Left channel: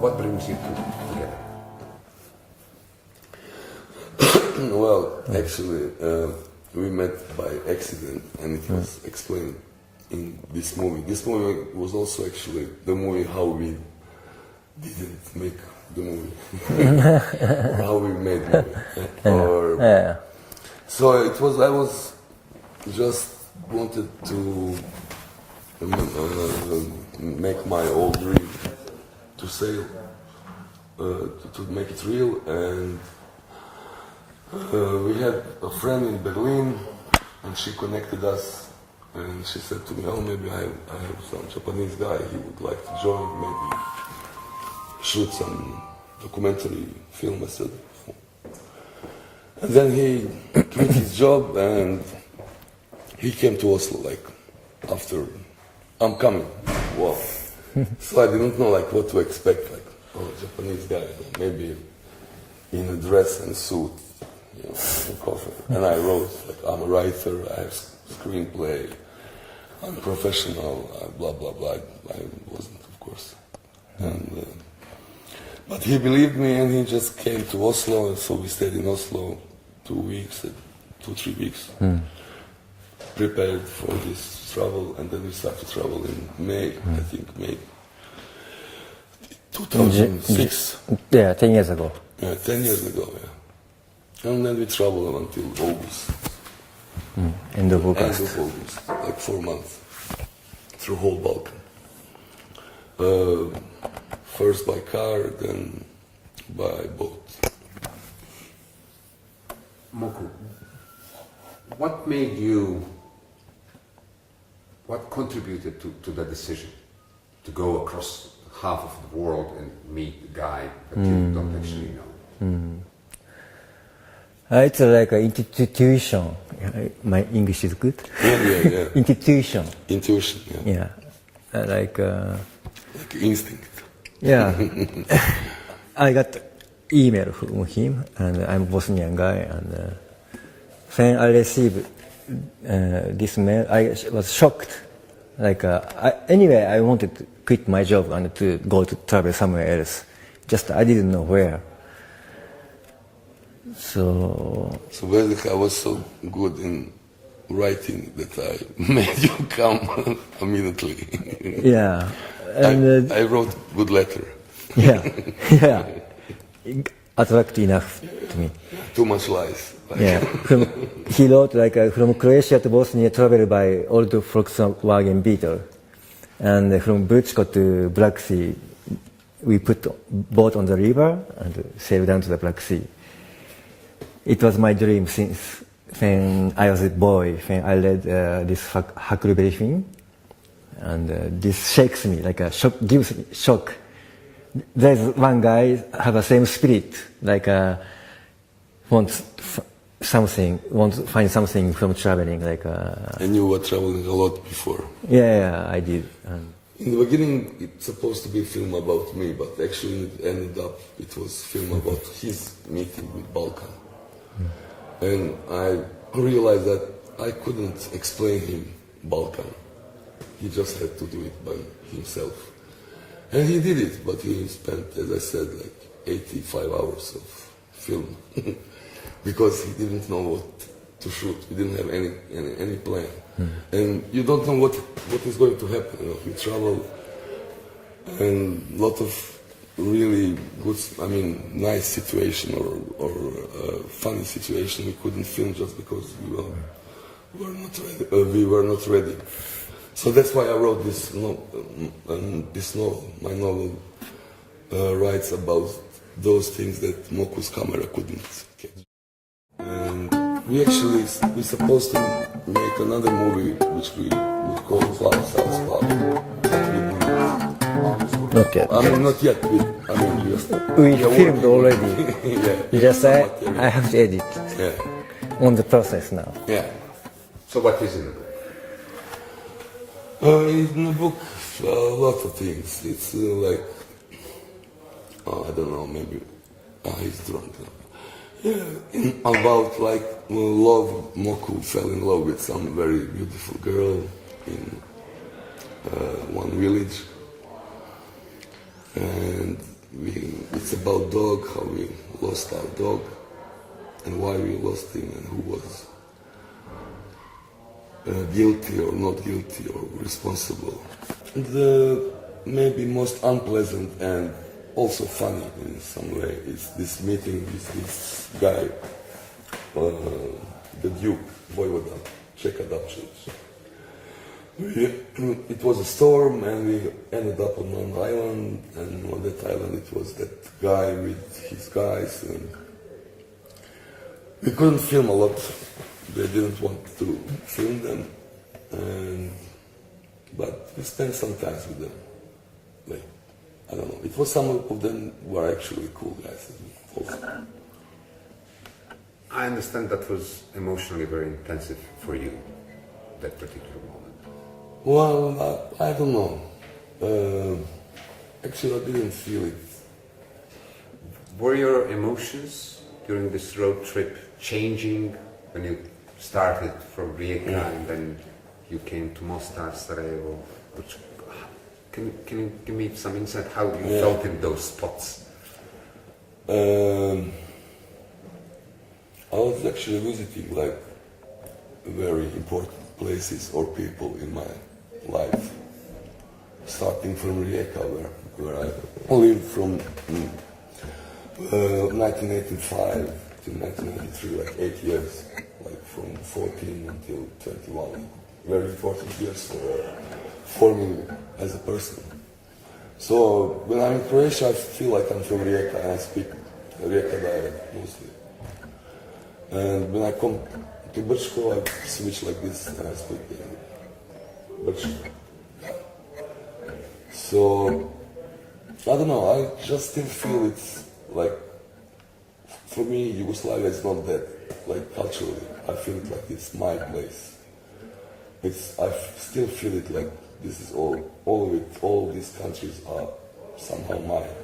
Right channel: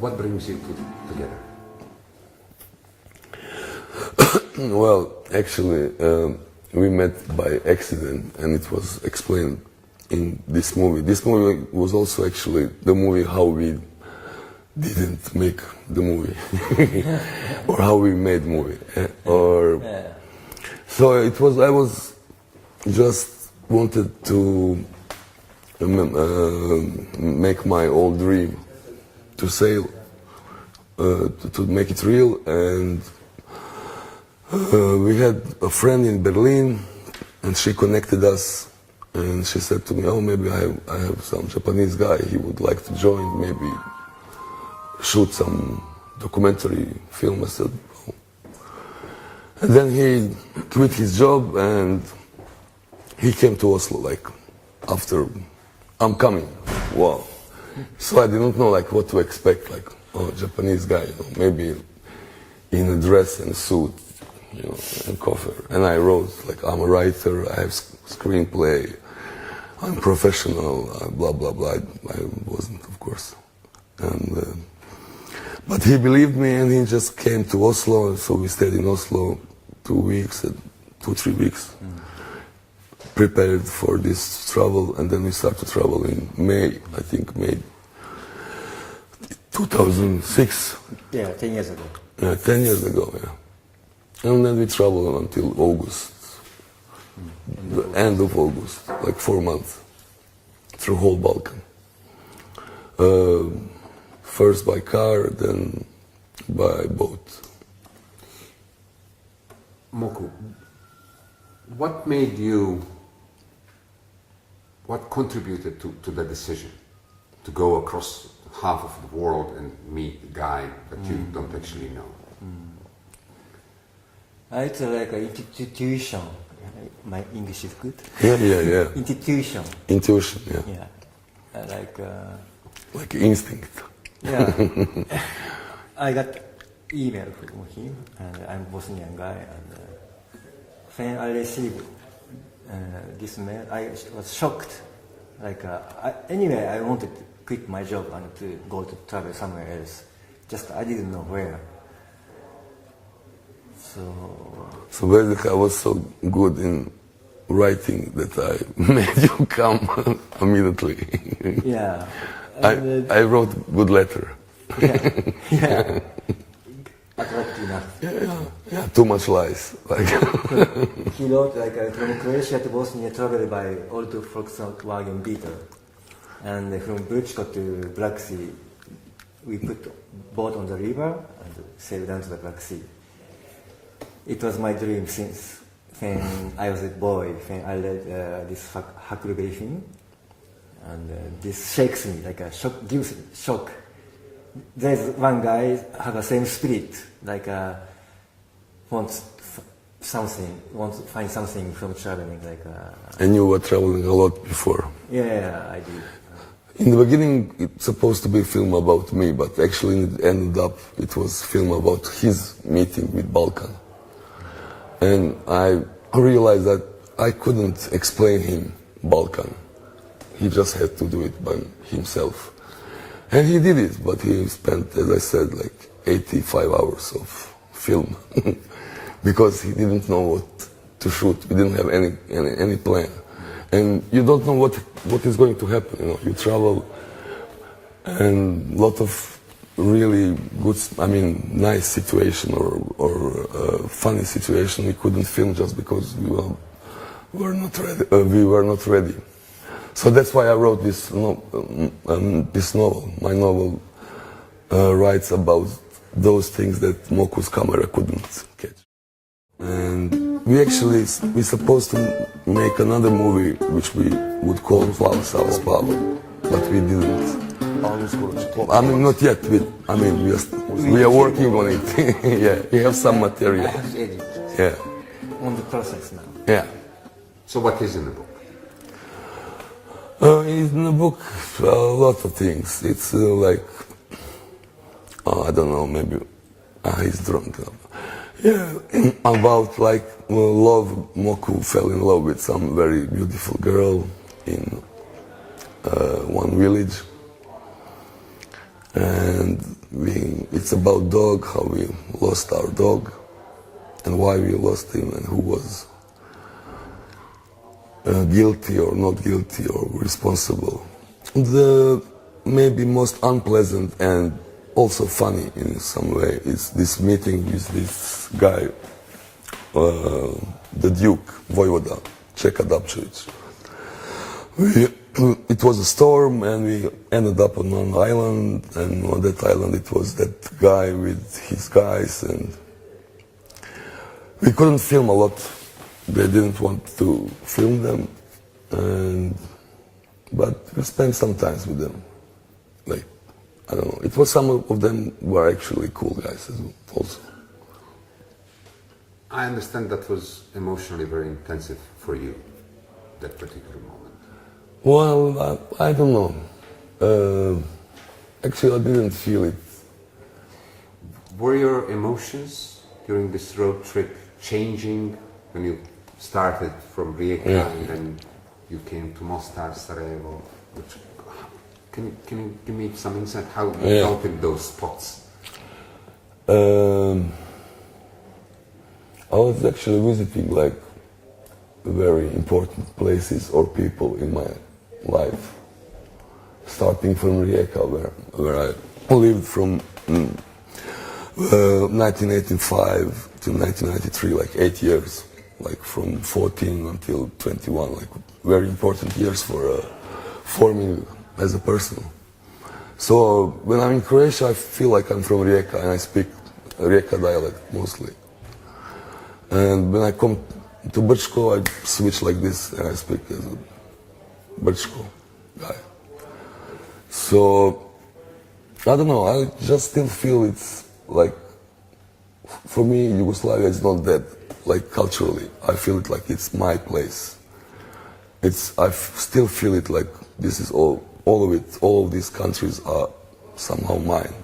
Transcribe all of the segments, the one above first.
What brings you together? Well, actually, we met by accident, and it was explained in this movie. This movie was also actually the movie how we didn't make the movie, or how we made the movie. So it was. I was just wanted to make my old dream to sail, to make it real, and we had a friend in Berlin, and she connected us, and she said to me, "Oh, maybe I have some Japanese guy. He would like to join. Maybe shoot some documentary film." I said, "Oh." And then he quit his job, and he came to Oslo. Like after, I'm coming. Wow. So I didn't know like what to expect. Like, oh, Japanese guy, you know, maybe in a dress and suit, you know, and cover. And I wrote like, I'm a writer. I have screenplay. I'm professional. Blah blah blah. I wasn't, of course. And but he believed me, and he just came to Oslo. So we stayed in Oslo 2 weeks, 2-3 weeks. Prepared for this travel, and then we started to travel in May, I think May 2006. Yeah, 10 years ago. Yeah, 10 years ago, yeah. And then we traveled until August. End of August. End of August, like 4 months, through whole Balkan. First by car, then by boat. Moku, what contributed to the decision to go across half of the world and meet a guy that you don't actually know? It's like an intuition. My English is good? Yeah. Intuition. Intuition, yeah. Yeah. Like instinct. Yeah. I got email from him, and I'm a Bosnian guy, and when I received this mail, I was shocked. Like anyway, I wanted to quit my job and to go to travel somewhere else. Just I didn't know where. So basically, I was so good in writing that I made you come immediately. Yeah. And, I wrote good letter. Yeah. Attractive enough to me. Yeah, too much lies. Like. Yeah. He wrote like from Croatia to Bosnia, travel by old Volkswagen Beetle, and from Brčko to Black Sea, we put boat on the river and sailed down to the Black Sea. It was my dream since when I was a boy. When I read this Huckleberry Finn, and this shakes me like a shock, gives me shock. There's one guy have the same spirit, like wants to find something from traveling, like. And you were traveling a lot before. Yeah, I did. In the beginning, it's supposed to be a film about me, but actually it ended up, it was a film about his meeting with Balkan. And I realized that I couldn't explain him Balkan. He just had to do it by himself. And he did it, but he spent, as I said, like 85 hours of film because he didn't know what to shoot. We didn't have any plan. And you don't know what is going to happen. You know, you travel and a lot of really good, I mean, nice situation or funny situation we couldn't film just because we were not ready. So that's why I wrote this novel. My novel writes about those things that Moku's camera couldn't catch. And we're supposed to make another movie which we would call South Pablo, but we didn't. Not yet. I mean, not yet. We are working on it. Yeah, we have some material. I have to edit. Yeah. On the process now. Yeah. So what is in the book? In the book, a lot of things. It's like, I don't know, maybe he's drunk. Yeah, about like love. Moku fell in love with some very beautiful girl in one village, and it's about dog, how we lost our dog, and why we lost him, and who was guilty or not guilty or responsible. The maybe most unpleasant and also funny in some way is this meeting with this guy, the Duke, Voivoda, Čeka Dapčević. It was a storm and we ended up on one island, and on that island it was that guy with his guys, and we couldn't film a lot. They didn't want to film them, but we spent some time with them. Like, I don't know, it was some of them were actually cool guys as well, also. I understand that was emotionally very intensive for you, that particular moment. Well, I don't know. Actually, I didn't feel it. Were your emotions during this road trip changing when you started from Rijeka and then you came to Mostar, Sarajevo? Can you give me some insight how you felt in those spots? I was actually visiting like very important places or people in my life, starting from Rijeka, where I lived from 1985 to 1993, like 8 years, like from 14 until 21, like very important years for forming as a person. So when I'm in Croatia, I feel like I'm from Rijeka and I speak Rijeka dialect mostly. And when I come to Brčko, I switch like this and I speak as a Brčko guy. So, I don't know, I just still feel it's like, for me, Yugoslavia is not dead, like culturally. I feel it like it's my place. I still feel it like this is all of it, all of these countries are somehow mine.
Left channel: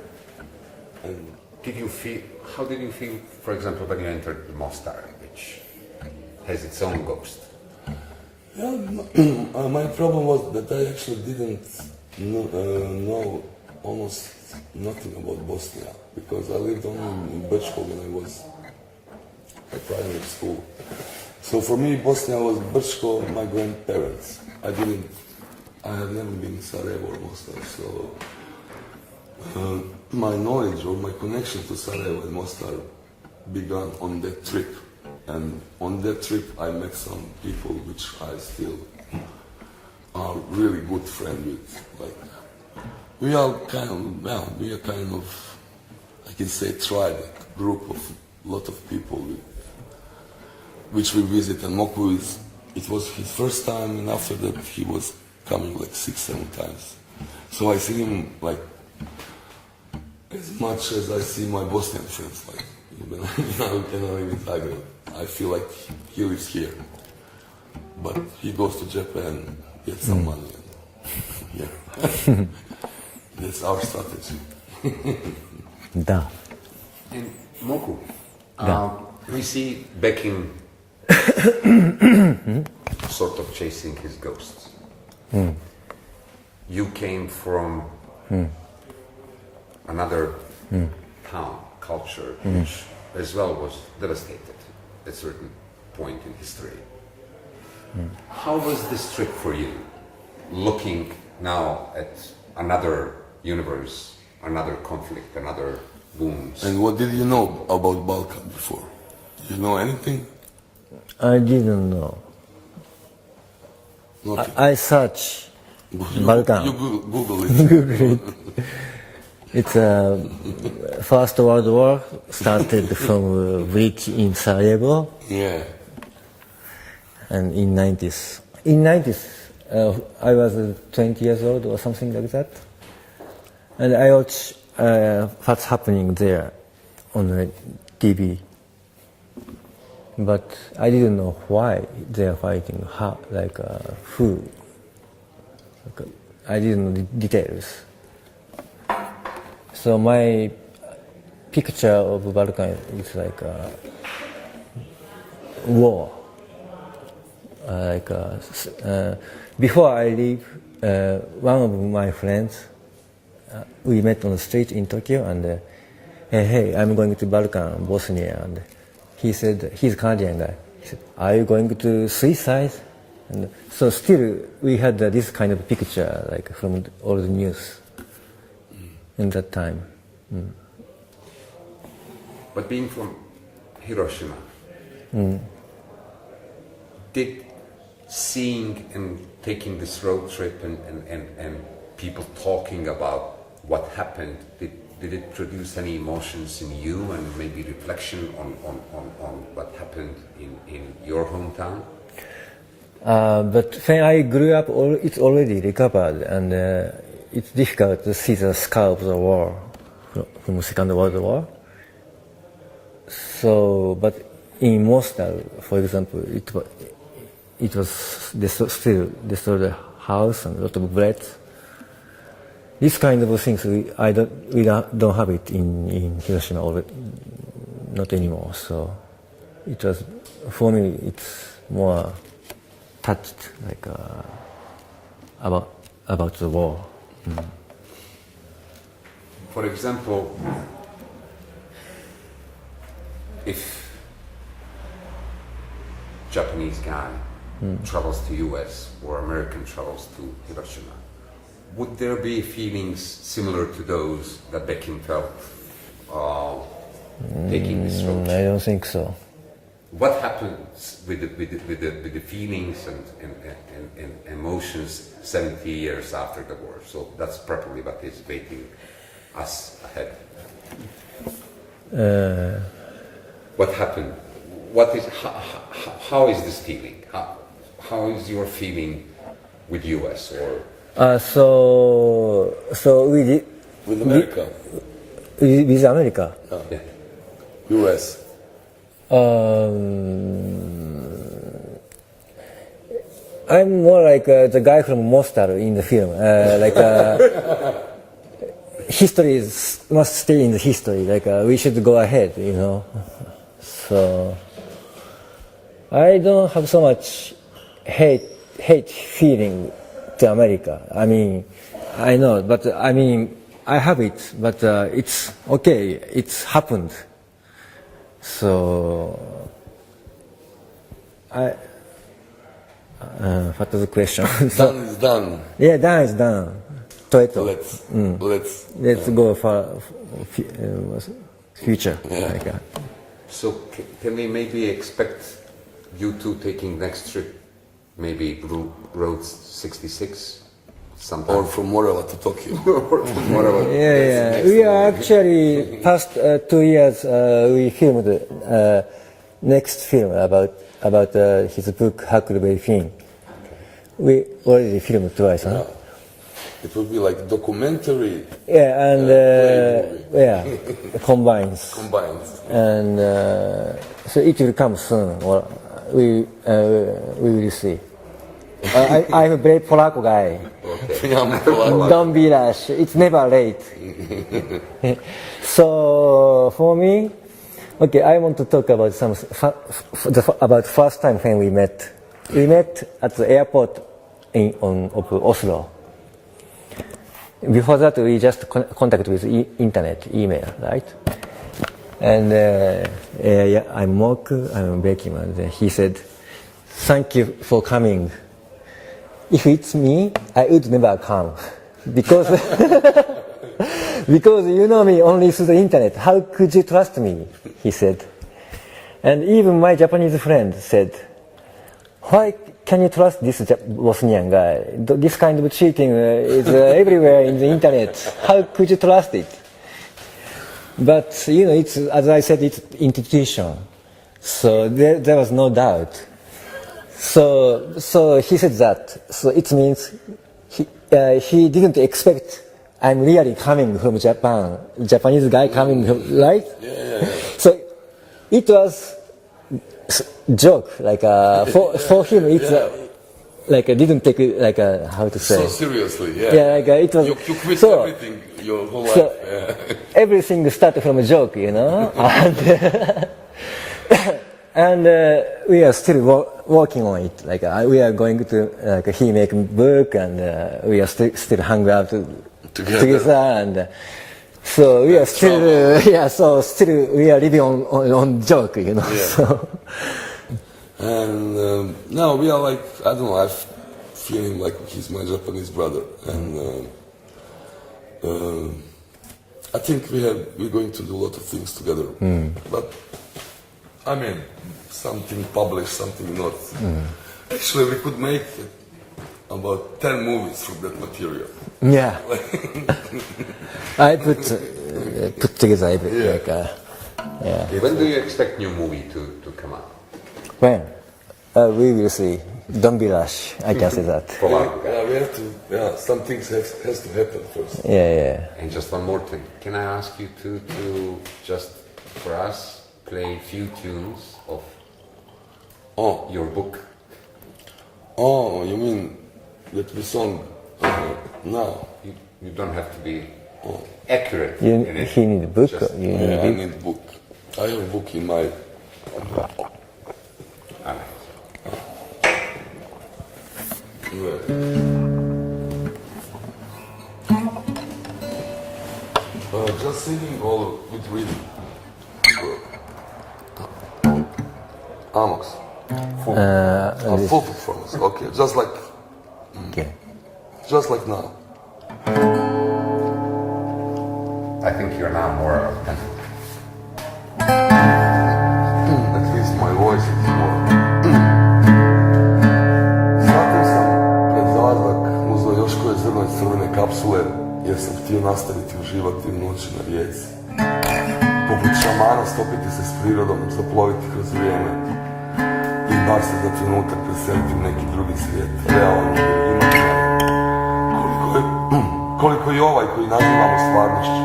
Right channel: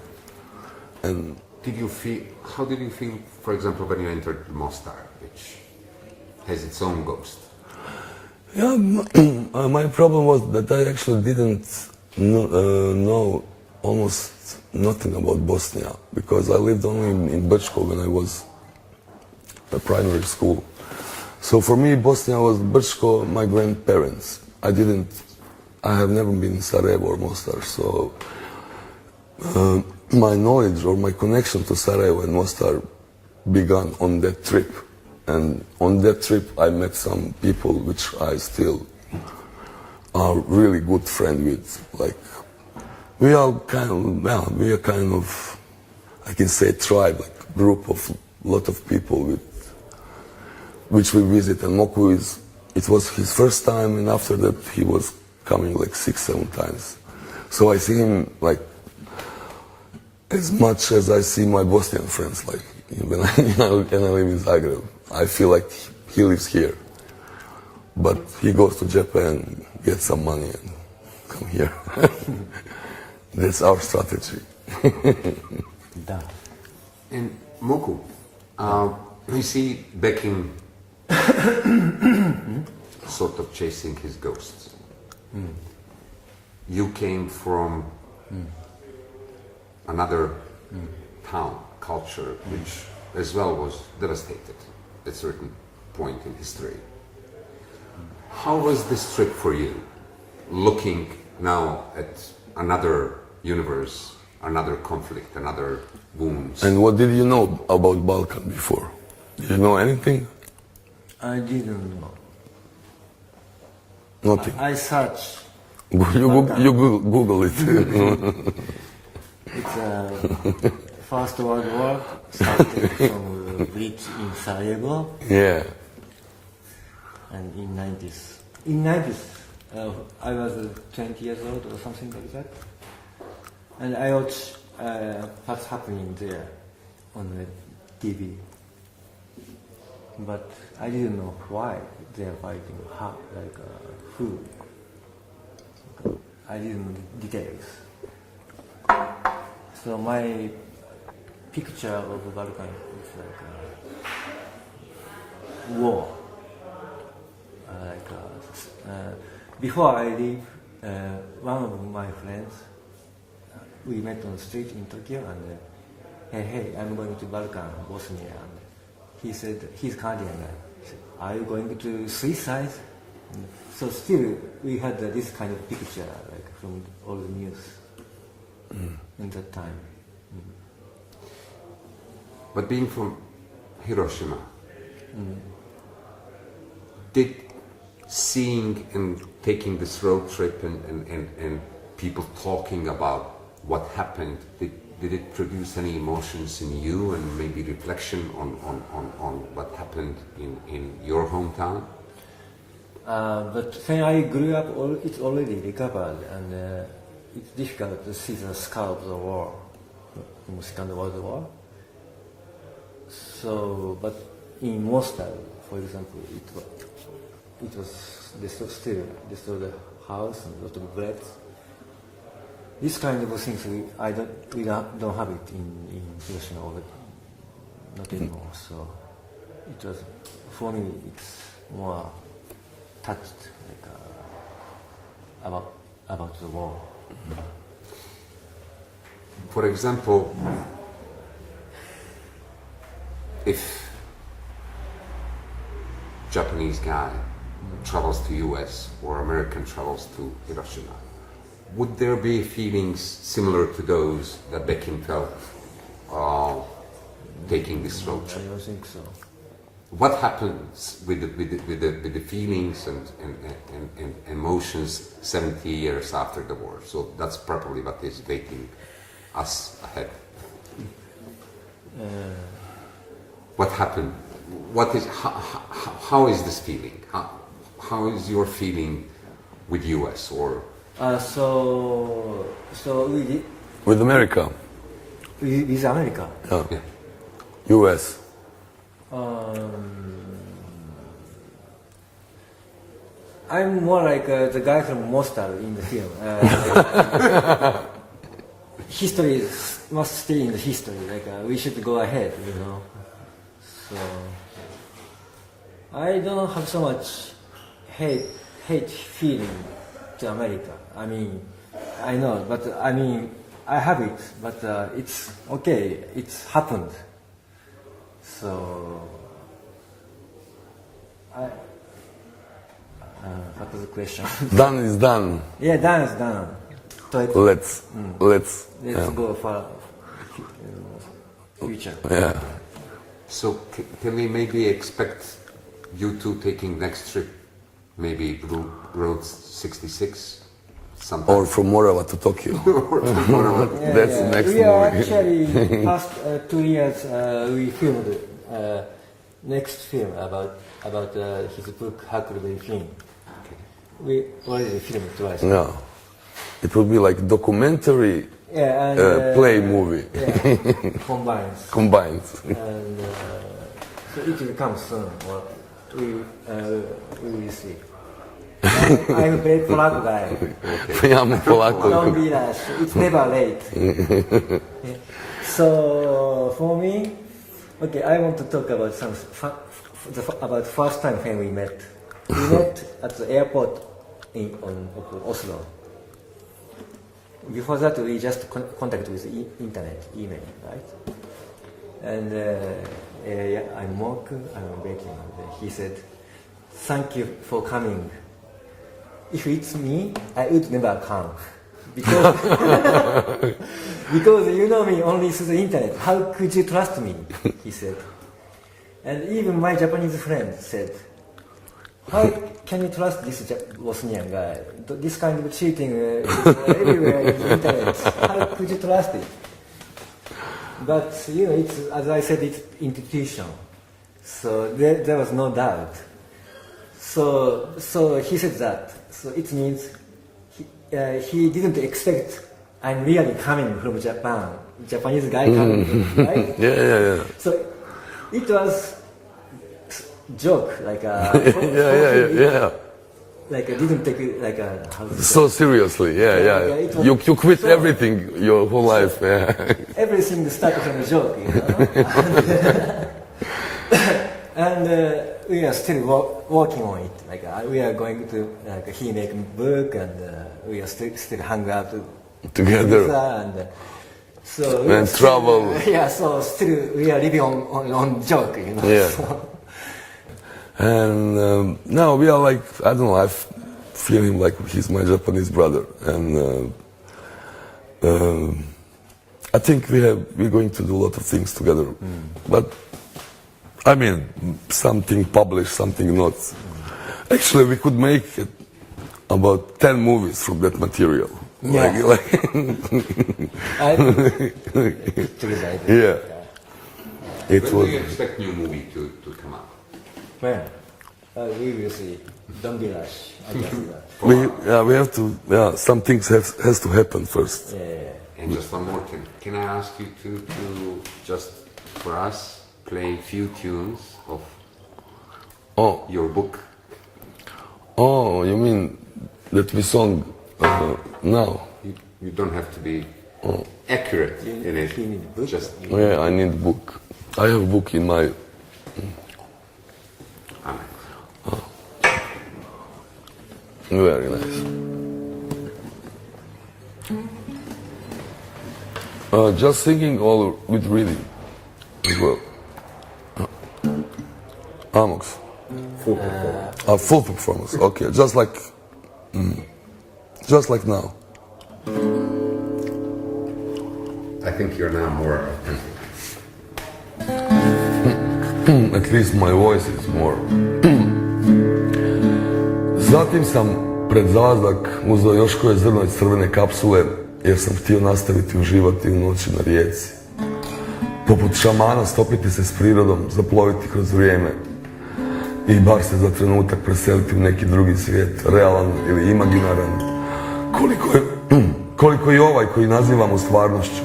And how did you feel, for example, when you entered Mostar, which has its own ghost? Yeah, my problem was that I actually didn't know almost nothing about Bosnia, because I lived only in Brčko when I was at primary school. So for me, Bosnia was Brčko, my grandparents. I have never been in Sarajevo or Mostar, so my knowledge or my connection to Sarajevo and Mostar began on that trip. And on that trip I met some people which I still are really good friend with. Like, we are kind of, I can say, tribe, like group of lot of people with which we visit. And Moku it was his first time, and after that he was coming like 6-7 times. So I see him like as much as I see my Bosnian friends. Like when I live in Zagreb, I feel like he lives here, but he goes to Japan, gets some money, and Yeah. That's our strategy. Da. And Moku, we see Bekm sort of chasing his ghosts. You came from another town, culture, which as well was devastated at a certain point in history. How was this trip for you, looking now at another universe, another conflict, another wounds? And what did you know about Balkan before? Did you know anything? I didn't know. Nothing. I search You Google it. It's First World War started from a bridge in Sarajevo, Yeah. and in 90s. In 90s, I was 20 years old or something like that, and I watched what's happening there on the TV. But I didn't know why they are fighting, how, like who. I didn't know the details. So my picture of Balkan is like a war. Before I leave, one of my friends, we met on the street in Tokyo, and hey, I'm going to Balkan, Bosnia, and he said, he's Canadian, and he said, are you going to suicide? And so still, we had this kind of picture, like from all the news in that time. But being from Hiroshima, did seeing and taking this road trip and people talking about what happened, did it produce any emotions in you and maybe reflection on what happened in your hometown? But when I grew up, it's already recovered, and it's difficult to see the scar of the war from the Second World War. So, but in Mostar, for example, it was still destroyed the house and a lot of blood. This kind of things we don't have it in Hiroshima already, not anymore. So it was, for me, it's more touched, like about the war. For example, if Japanese guy travels to US or American travels to Hiroshima, would there be feelings similar to those that Bekm felt taking this road trip? I don't think so. What happens with the feelings and emotions 70 years after the war? So that's probably what is waiting us ahead. What happened? What is how is this feeling? How is your feeling with US or? So we did With America. with America. Oh. Yeah. US. I'm more like the guy from Mostar in the film. History must stay in the history. Like we should go ahead, you know. So I don't have so much hate feeling to America. I mean, I know, but I mean, I have it, but it's okay. It's happened. So what was the question? Done is done. Yeah, done is done. Let's go for future. Yeah. Like, So can we maybe expect you two taking next trip, maybe Road 66, sometime? Or from Morava to Tokyo. Yeah, the next we are movie. actually past 2 years. We filmed next film about his book Huckleberry Finn. We already filmed twice. Yeah. It will be like documentary Yeah, and play movie. Yeah, combines. Combined. And so it will come soon. Or we will see. I'm a very Polako guy. Ja ne polako. Don't be rash. It's never late. So for me, okay, I want to talk about about first time when we met. We met at the airport of Oslo. Before that, we just contact with internet, email, right? And I'm Moku, I'm Bekm, and he said, "Thank you for coming. If it's me, I would never come because because you know me only through the internet. How could you trust me?" He said, and even my Japanese friend said, "Why can you trust this Bosnian guy? This kind of cheating is everywhere in the internet. How could you trust it?" But you know, it's, as I said, it's institution, so there was no doubt. So he said that. So it means he didn't expect I'm really coming from Japan, Japanese guy coming from, right? Yeah. So it was joke, like for him, it's like I didn't take it like how to say. So seriously, yeah. Like, it was, You quit everything your whole life. Everything started from a joke, you know. And we are still working on it. Like we are going to he make a book, and we are still hang out together, and so we are still still we are living on joke, you know. Yeah. So. And now we are like, I don't know, I feel him like he's my Japanese brother, and I think we're going to do a lot of things together. But I mean, something published, something not. Actually, we could make about 10 movies from that material. Yeah. I put together everything. Yeah. When do you expect new movie to come out? Well, we will see. Don't be rush. I can say that. We have to. Yeah, some things has to happen first. Yeah. And just one more thing. Can I ask you to just for us play a few tunes of your book? Oh, you mean that we sung now? You don't have to be accurate in it. He need a book. Yeah, I need a book. I have a book in my. Very nice. Just singing or with reading as well. Amos. Full performance. Okay, just like now. I think you're now more authentic. At least my voice is more. Zatim sam pred zalazak uzeo još koje zrno iz crvene kapsule jer sam htio nastaviti uživati u noći na rijeci. Poput šamana stopiti se s prirodom, zaploviti kroz vrijeme i bar se za trenutak preseliti u neki drugi svijet, realan ili imaginaran. Koliko je ovaj koji nazivamo stvarnošću.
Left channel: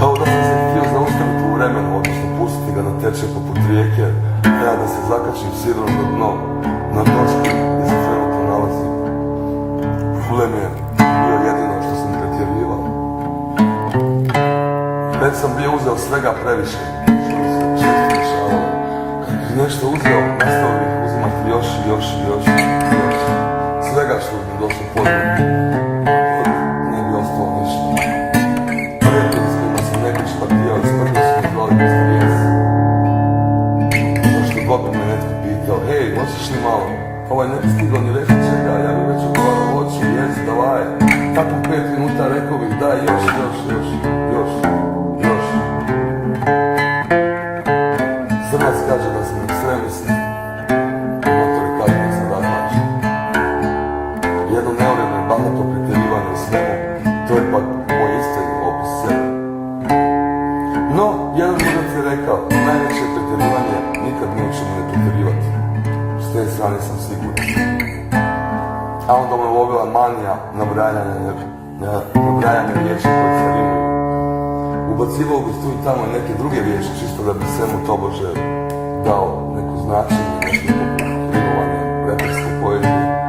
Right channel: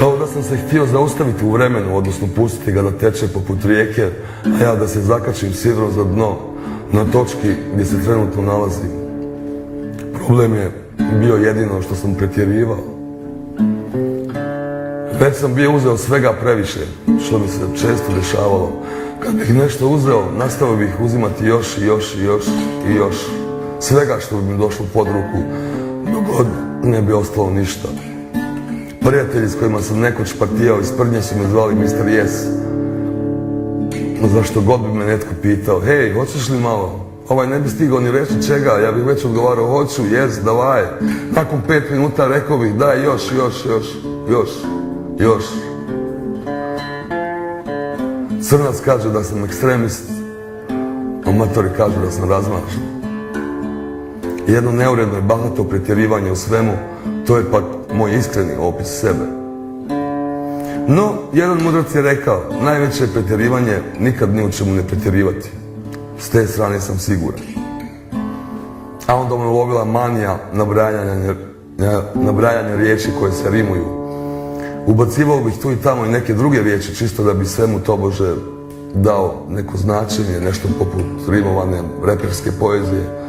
Kao da sam se htio zaustaviti u vremenu, odnosno pustiti ga da teče poput rijeke, a ja da se zakačim sidrom za dno, na točki gdje se trenutno nalazim. Problem je bio jedino što sam pretjerivao. Već sam bio uzeo svega previše, što mi se često dešavalo. Kad bih nešto uzeo, nastavio bih uzimati još i još i još i još. Svega što bi mi došlo pod ruku, dok ne bi ostalo ništa. Prijatelji s kojima sam nekoć partijao iz Prnje su me zvali Mr. Yes. Zašto god bi me netko pitao, hej, hoćeš li malo? Ovaj ne bi stigao ni reći čega, ja bih već odgovarao, hoću, yes, davaj. Nakon 5 minuta rekao bih, daj, još. Crnac kaže da sam ekstremist, amatori kažu da sam razmažen. Jedno neuredno i bahato pretjerivanje u svemu, to je pak moj iskreni opis sebe. No, jedan mudrac je rekao, najveće pretjerivanje nikad ni u čemu ne pretjerivati. S te strane sam siguran. A onda me ulovila manija nabrajanja riječi koje se rimuju. Ubacivao bih tu i tamo i neke druge riječi, čisto da bi svemu tobože dao neko značenje, nešto poput rimovane reperske poezije.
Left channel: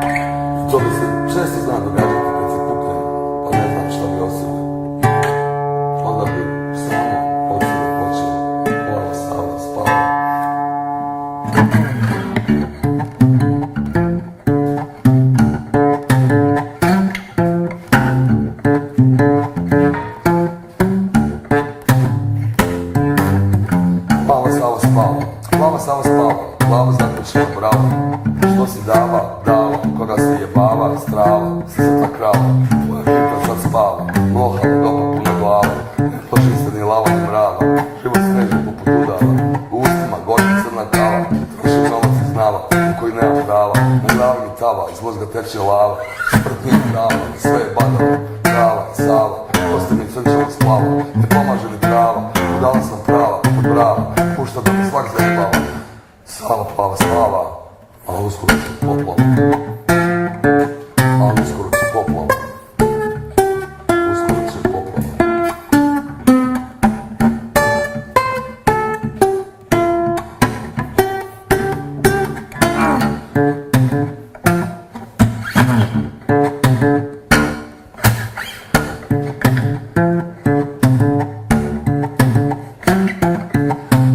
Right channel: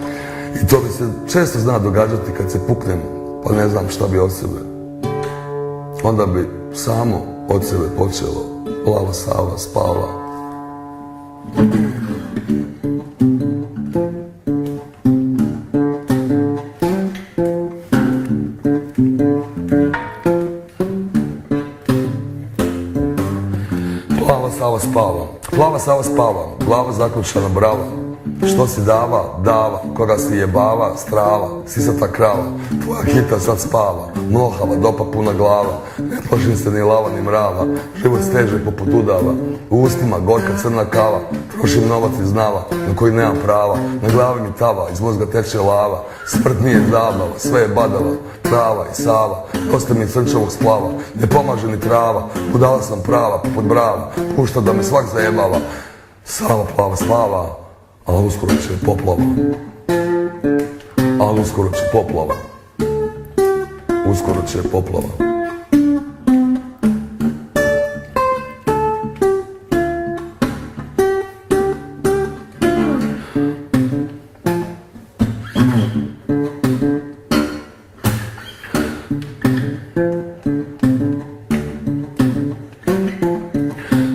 I to bi se često zna događati kad se puknem, pa ne znam šta bi od sebe. Onda bi samo od sebe počelo plava Sava spava. Plava Sava spava, glava zaključena brava. Što si dava, koga si jebava, strava, sisata krava. Tvoja kita sad spava, nohala, dopa puna glava. Ne plašim se ni lava ni mrava, život steže poput udava. U ustima gorka crna kava, trošim novac iz nava, u koji nemam prava. Na glavi mi tava, iz mozga teče lava. Smrt nije zabava, sve je badava, trava i Sava. Dosta mi srčevo splava, ne pomaže ni trava. Budala sam prava, poput brava, pušta da me svak zajebava. Sava plava slava, ali uskoro će poplava. Ali uskoro će poplava. Uskoro će poplava.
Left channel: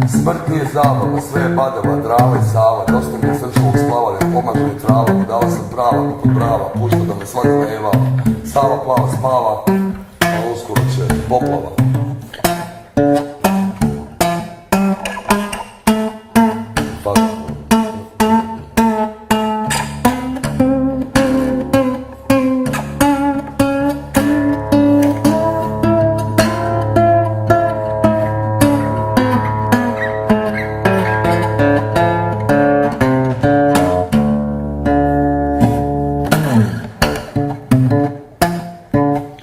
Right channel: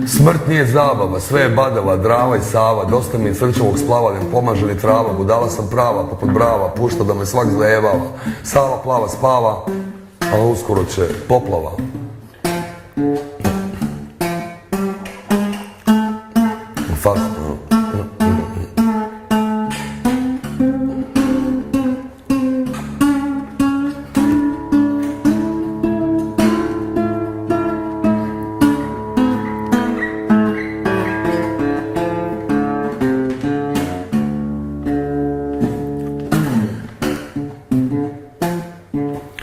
Smrt nije zabava, sve je badava, drava i Sava. Dosta mi je srčevog splava, ne pomaže ni trava. Budala sam prava, poput brava, pušta da me svak zajebava. Sava plava spava, a uskoro će poplava.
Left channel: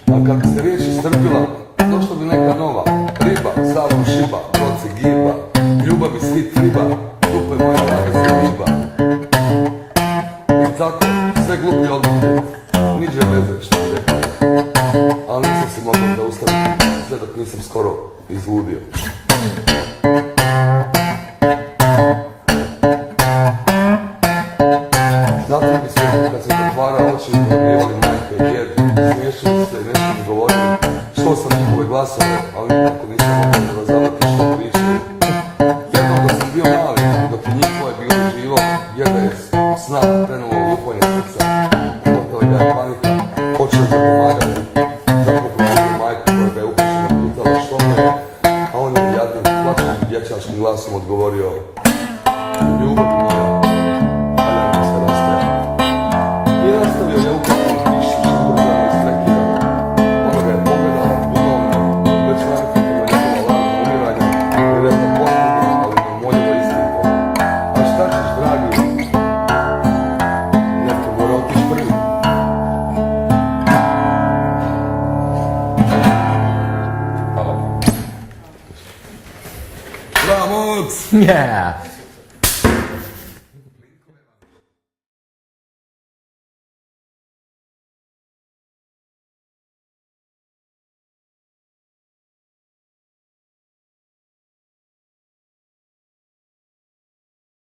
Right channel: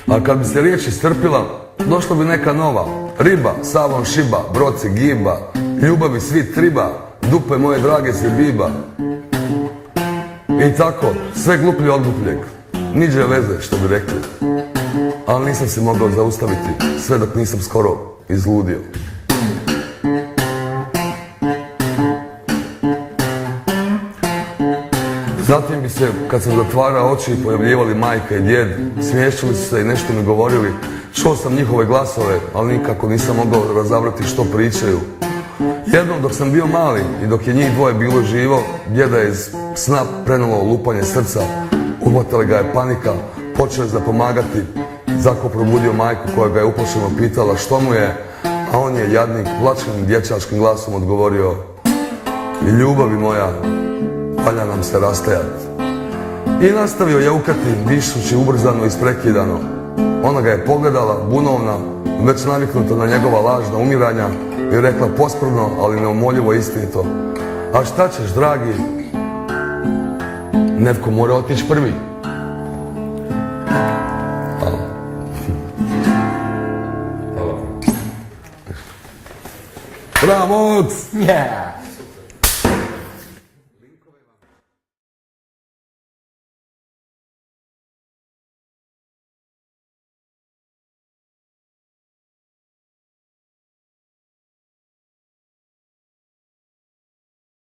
A kad bi se riječ iscrpila, došla bi neka nova. Riba, Savom šiba, broci giba, ljubavi svi triba, dupe moje drage se viba. I tako, sve gluplji odlupnik, niđe veze što bi rekao. Ali nisam se mogao zaustaviti, sve dok nisam skoro izludio. Zato bi se, kad sam zatvarao oči, pojavljivali majka i djed. Smiješćali su se i nešto mi govorili. Čuo sam njihove glasove, ali nikako nisam mogao razabrati što pričaju. Jednom dok sam bio mali i dok je njih dvoje bilo živo, djeda je iz sna prenulo lupanje srca. Uhvatila ga je panika, počeli ga pomagati. Zato probudio majku koja ga je uplašeno pitala što mu je, a on je jadnik plačnim dječačkim glasom odgovorio: ljubavi moja, valja nam se rastajati. I nastavio jaukati, dišući ubrzano i isprekidano. Ona ga je pogledala, bunovna, već naviknuta na njegova lažna umiranja, i rekla pospolno, ali neumoljivo istinito: a šta ćeš, dragi? Netko mora otići prvi. Hvala. Bravo! Yeah.